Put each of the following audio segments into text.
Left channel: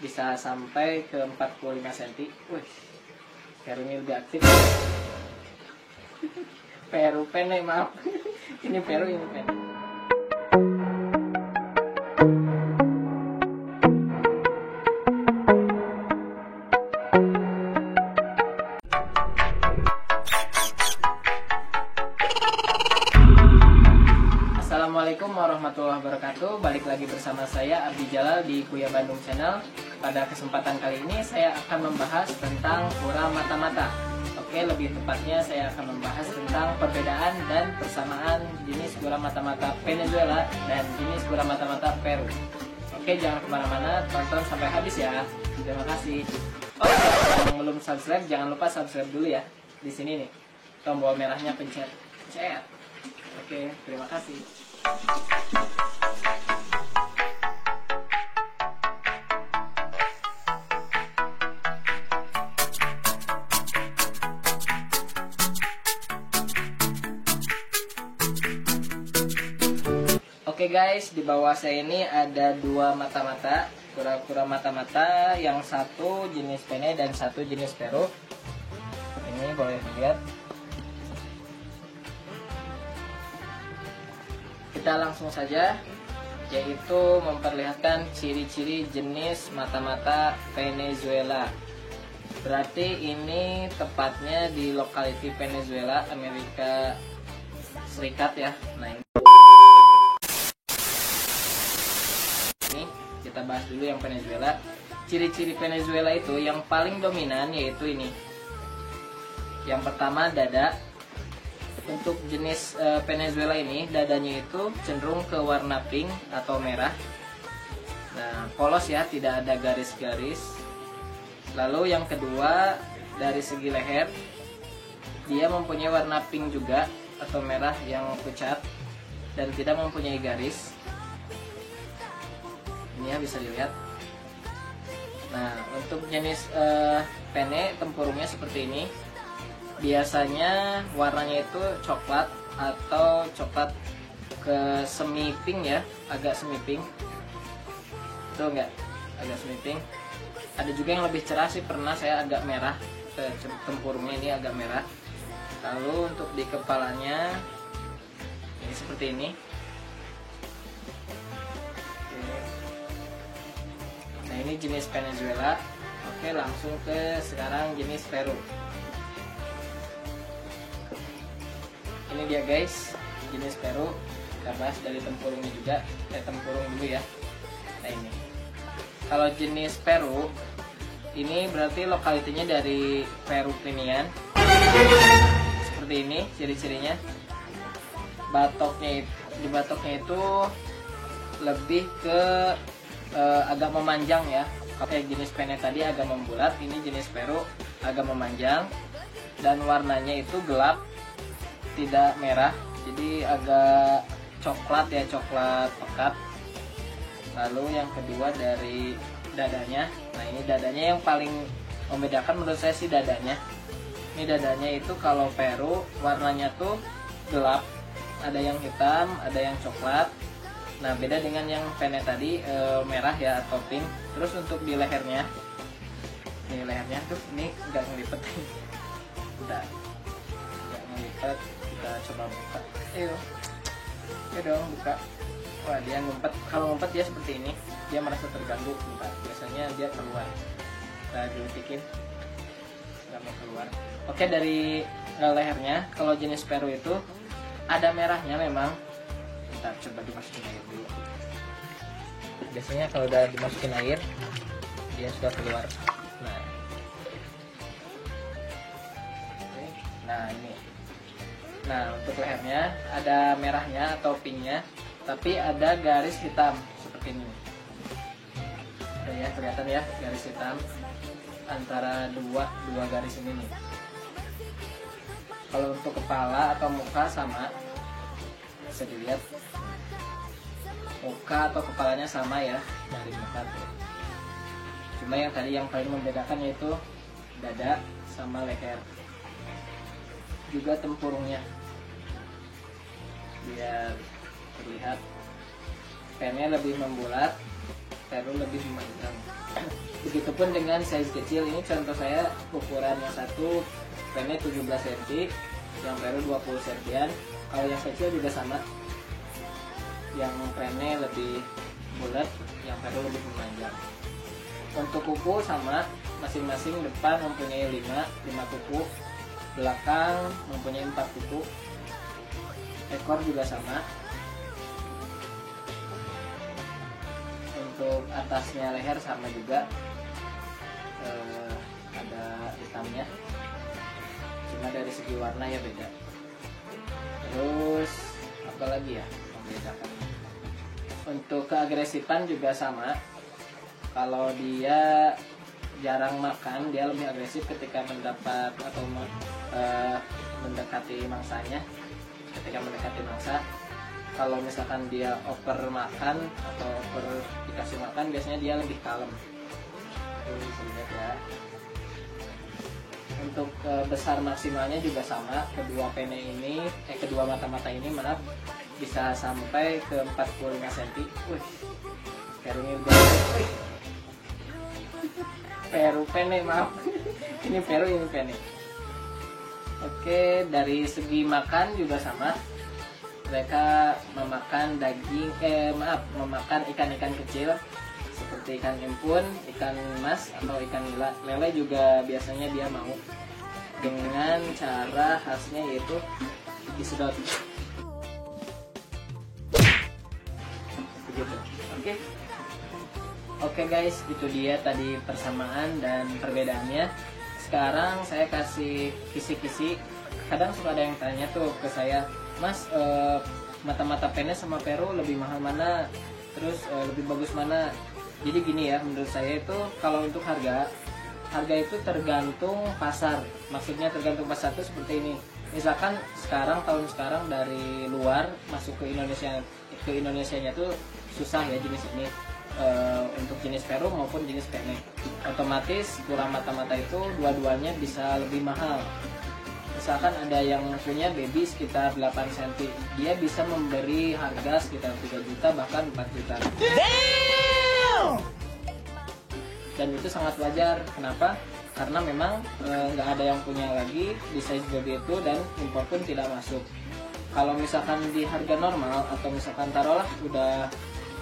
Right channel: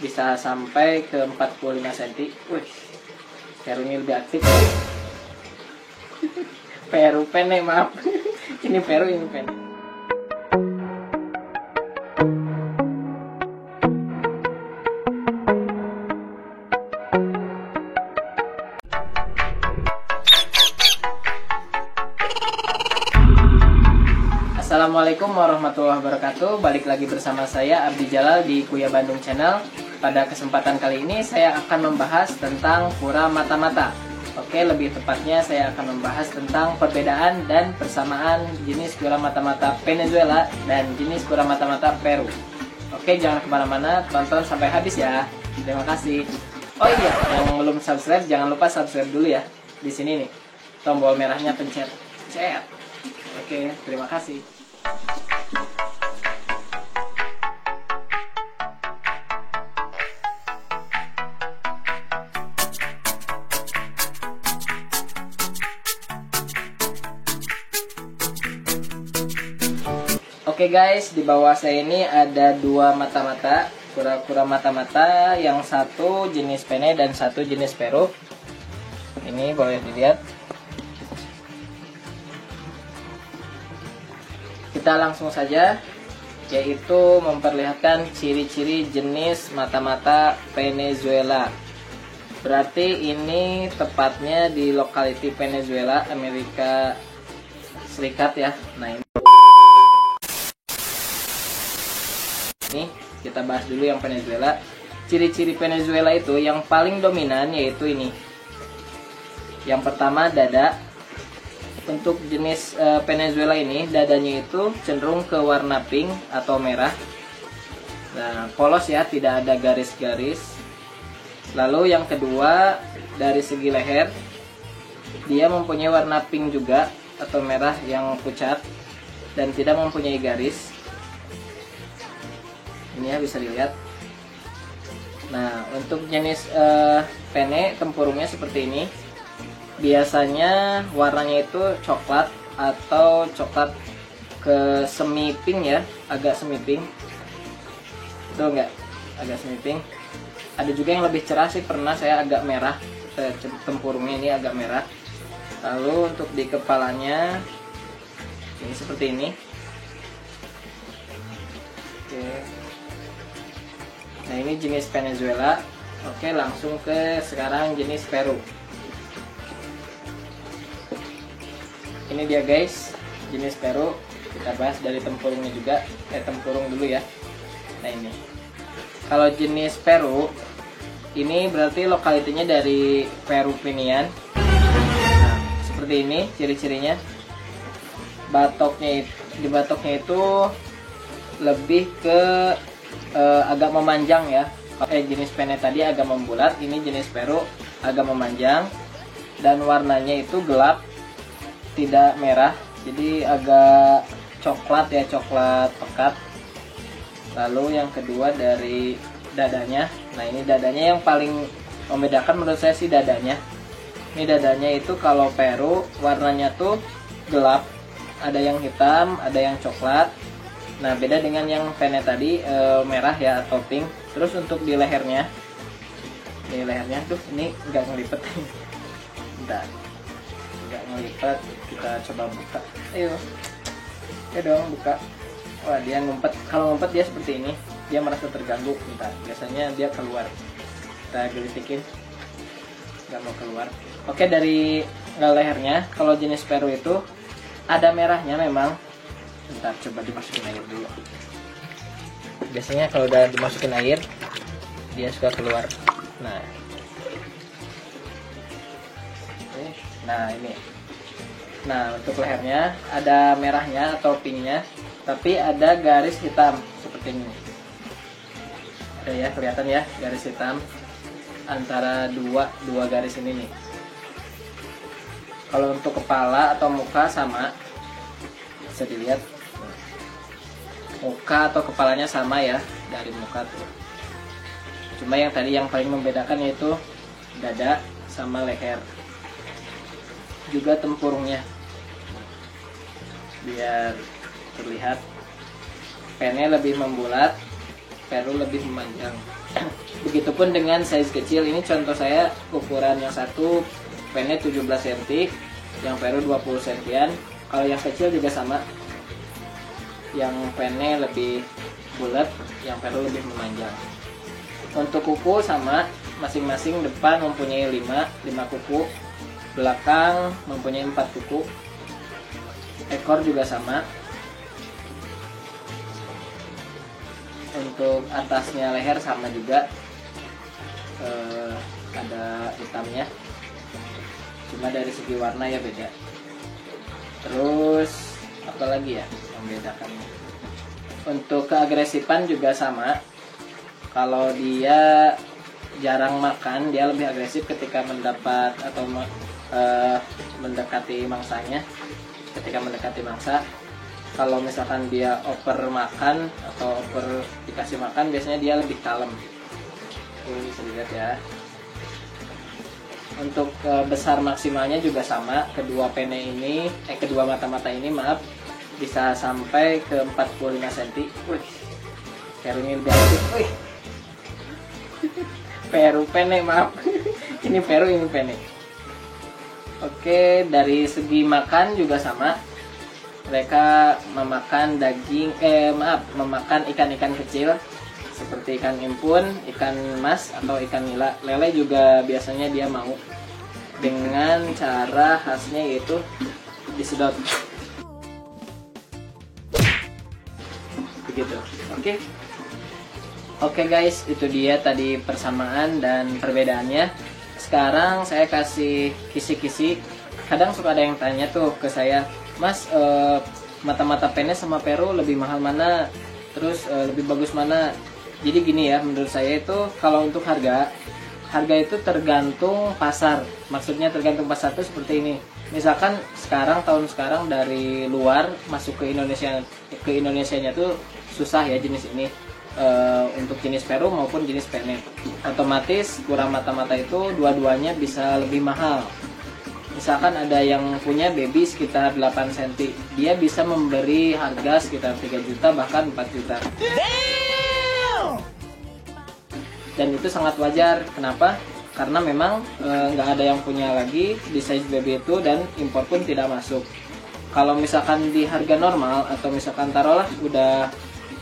bisa sampai ke 45 cm. Wih, Peru ini lebih aktif. Peru pene, maaf. Ini Peru, ini pene. Assalamualaikum warahmatullahi wabarakatuh. Balik lagi bersama saya Abdi Jalal di Kuya Bandung Channel. Pada kesempatan kali ini saya akan membahas tentang kura mata-mata. Oke, lebih tepatnya saya akan membahas tentang perbedaan dan persamaan jenis kura mata-mata Venezuela dan jenis kura mata-mata Peru. Oke, jangan kemana-mana, tonton sampai habis ya. Terima kasih. Oh iya, yang belum subscribe jangan lupa subscribe dulu ya. Di sini nih, tombol merahnya pencet. Cet. Oke, terima kasih. Oke guys, di bawah saya ini ada dua mata-mata, kura-kura mata-mata, yang satu jenis pene dan satu jenis Peru. Ini boleh dilihat. Kita langsung saja, yaitu memperlihatkan ciri-ciri jenis mata-mata Venezuela. Berarti ini tepatnya di lokality Venezuela, Amerika Serikat ya. Nah ini kita bahas dulu yang Venezuela. Ciri-ciri Venezuela itu yang paling dominan yaitu ini. Yang pertama, dada. Untuk jenis Venezuela ini, dadanya itu cenderung ke warna pink atau merah. Nah, polos ya, tidak ada garis-garis. Lalu yang kedua, dari segi leher, dia mempunyai warna pink juga atau merah yang pucat dan tidak mempunyai garis. Ini ya, bisa dilihat. Nah, untuk jenis pene, tempurungnya seperti ini. Biasanya warnanya itu coklat atau coklat ke semi pink ya, agak semi pink. Betul nggak? Agak semi pink. Ada juga yang lebih cerah sih, pernah saya agak merah. Tempurungnya ini agak merah. Lalu untuk di kepalanya ini seperti ini. Oke. Nah, ini jenis Venezuela. Oke, langsung ke sekarang jenis Peru. Ini dia guys, jenis Peru. Kita bahas dari tempurungnya juga. Tempurung dulu ya. Nah ini, kalau jenis Peru ini berarti lokalitinya dari Peru Pinian. Seperti ini ciri-cirinya. Di batoknya itu lebih ke agak memanjang ya. Kalau jenis pene tadi agak membulat, ini jenis Peru agak memanjang dan warnanya itu gelap, tidak merah, jadi agak coklat ya, coklat pekat. Lalu yang kedua dari dadanya. Nah ini dadanya yang paling membedakan menurut saya sih dadanya. Ini dadanya itu kalau Peru warnanya tuh gelap, ada yang hitam, ada yang coklat. Nah beda dengan yang pene tadi merah ya atau pink. Terus untuk di lehernya, tuh ini nggak ngelipet. Bentar, nggak ngelipet. Kita coba buka. Ayo dong buka. Wah, dia ngumpet. Kalau ngumpet dia seperti ini, dia merasa terganggu. Bentar, biasanya dia keluar. Kita gelitikin, nggak mau keluar. Oke, dari lehernya, kalau jenis Peru itu ada merahnya memang. Bentar, coba dimasukin air dulu. Biasanya kalau udah dimasukin air, dia suka keluar. Nah ini. Nah, untuk lehernya ada merahnya atau pinknya, tapi ada garis hitam seperti ini. Ada ya, kelihatan ya garis hitam antara dua garis ini nih. Kalau untuk kepala atau muka sama, bisa dilihat. Muka atau kepalanya sama ya, dari muka tuh. Cuma yang tadi yang paling membedakan yaitu dada sama leher. Juga tempurungnya, biar terlihat pene lebih membulat, Peru lebih memanjang. Begitupun dengan size kecil, ini contoh saya ukuran yang satu penne 17 cm, yang Peru 20 cm. Kalau yang kecil juga sama, yang penne lebih bulat, yang Peru lebih memanjang. Untuk kuku sama, masing-masing depan mempunyai 5 kuku, belakang mempunyai 4 kuku, ekor juga sama. Untuk atasnya leher sama juga, ada hitamnya, cuma dari segi warna ya beda. Terus apa lagi ya yang membedakan? Untuk keagresifan juga sama. Kalau dia jarang makan, dia lebih agresif ketika mendapat atau mendekati mangsanya. Ketika mendekati mangsa, kalau misalkan dia over makan atau over dikasih makan, biasanya dia lebih kalem. Ini bisa dilihat ya. Untuk besar maksimalnya juga sama. Kedua mata-mata ini bisa sampai ke 45 cm. Wih, Peru ini udah. Wih, Peru penne, maaf. Ini Peru, ini penne. Oke, dari segi makan juga sama. Mereka memakan memakan ikan-ikan kecil seperti ikan impun, ikan mas, atau ikan nila. Lele juga biasanya dia mau, dengan cara khasnya yaitu disedot. Begitu. Oke guys, itu dia tadi persamaan dan perbedaannya. Sekarang saya kasih kisi-kisi. Kadang suka ada yang tanya tuh ke saya, Mas, mata-mata penne sama Peru lebih mahal mana? Terus lebih bagus mana? Jadi gini ya, menurut saya itu kalau untuk harga itu tergantung pasar. Maksudnya tergantung pasar itu seperti ini. Misalkan tahun sekarang dari luar masuk ke Indonesianya tuh susah ya jenis ini. Untuk jenis Peru maupun jenis penne, otomatis kurang mata-mata itu dua-duanya bisa lebih mahal. Misalkan ada yang punya baby sekitar 8 cm, dia bisa memberi harga sekitar 3 juta bahkan 4 juta. Dan itu sangat wajar. Kenapa? Karena memang nggak ada yang punya lagi di size baby itu, dan impor pun tidak masuk. Kalau misalkan di harga normal, atau misalkan taruhlah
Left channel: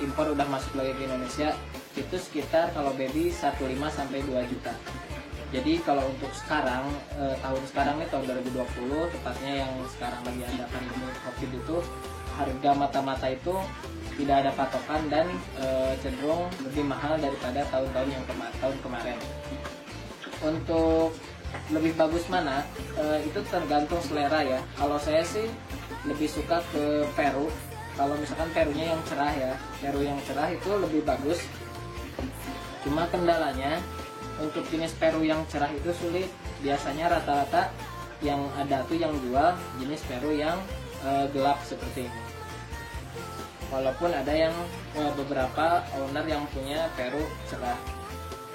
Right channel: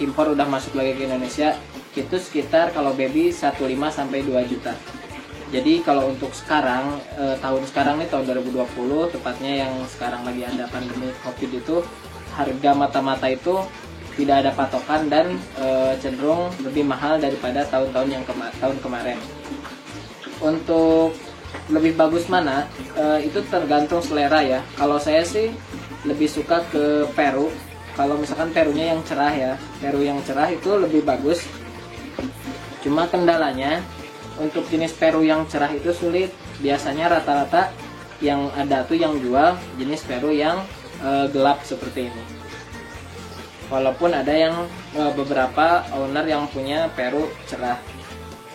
impor udah masuk lagi ke Indonesia, itu sekitar kalau baby 1,5 sampai 2 juta. Jadi kalau untuk sekarang, tahun sekarang nih, tahun 2020 tepatnya, yang sekarang lagi ada pandemi COVID itu, harga mata-mata itu tidak ada patokan dan cenderung lebih mahal daripada tahun-tahun tahun kemarin. Untuk lebih bagus mana, itu tergantung selera ya. Kalau saya sih lebih suka ke Peru. Kalau misalkan Perunya yang cerah ya, Peru yang cerah itu lebih bagus. Cuma kendalanya, untuk jenis Peru yang cerah itu sulit. Biasanya rata-rata yang ada tuh yang jual jenis Peru yang gelap seperti ini. Walaupun ada yang beberapa owner yang punya Peru cerah.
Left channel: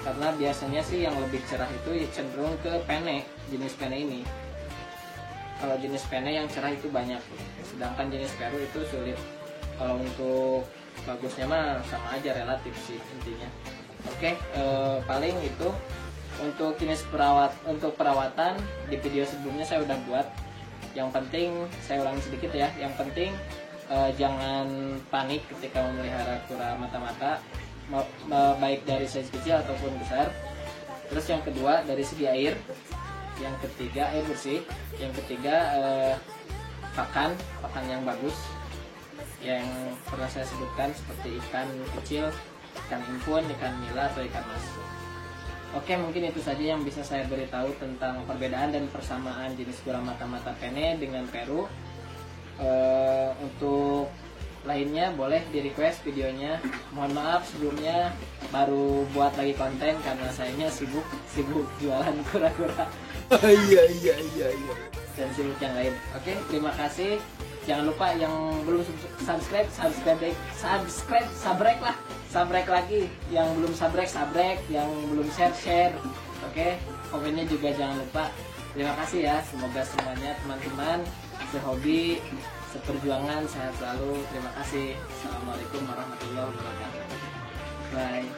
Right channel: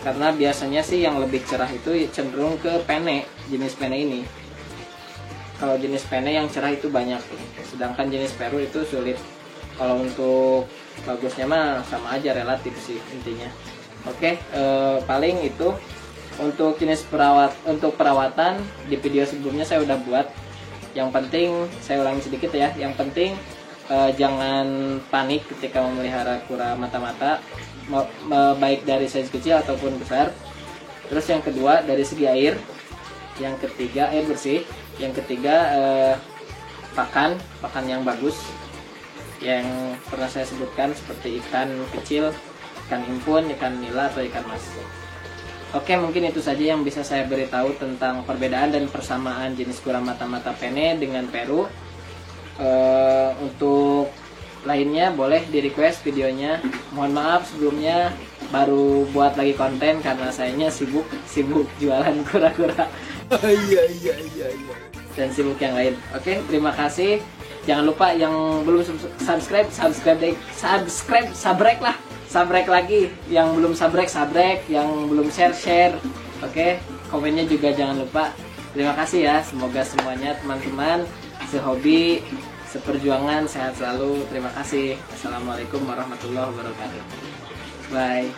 Karena biasanya sih yang lebih cerah itu cenderung ke penne, jenis penne ini. Kalau jenis penne yang cerah itu banyak, sedangkan jenis Peru itu sulit. Kalau untuk bagusnya mah sama aja, relatif sih intinya. Oke, paling itu untuk jenis perawatan di video sebelumnya saya udah buat. Yang penting saya ulangi sedikit ya. Yang penting jangan panik ketika memelihara kura mata-mata, baik dari size kecil ataupun besar. Terus yang kedua dari segi air. Yang ketiga air bersih. Yang ketiga pakan yang bagus, yang pernah saya sebutkan seperti ikan kecil, ikan impun, ikan nila, atau ikan mas. Oke, mungkin itu saja yang bisa saya beritahu tentang perbedaan dan persamaan jenis kura mata-mata penne dengan Peru. Untuk lainnya boleh di request videonya. Mohon maaf sebelumnya baru buat lagi konten karena sayanya sibuk jualan kura-kura. Iya. Dan sibuk yang lain. Oke, terima kasih. Jangan lupa yang belum subscribe lagi. Yang belum subscribe, yang belum share. Oke, komennya juga jangan lupa. Terima kasih ya. Semoga semuanya teman-teman sehobi, seperjuangan sehat selalu. Terima kasih. Assalamualaikum warahmatullahi wabarakatuh. Bye.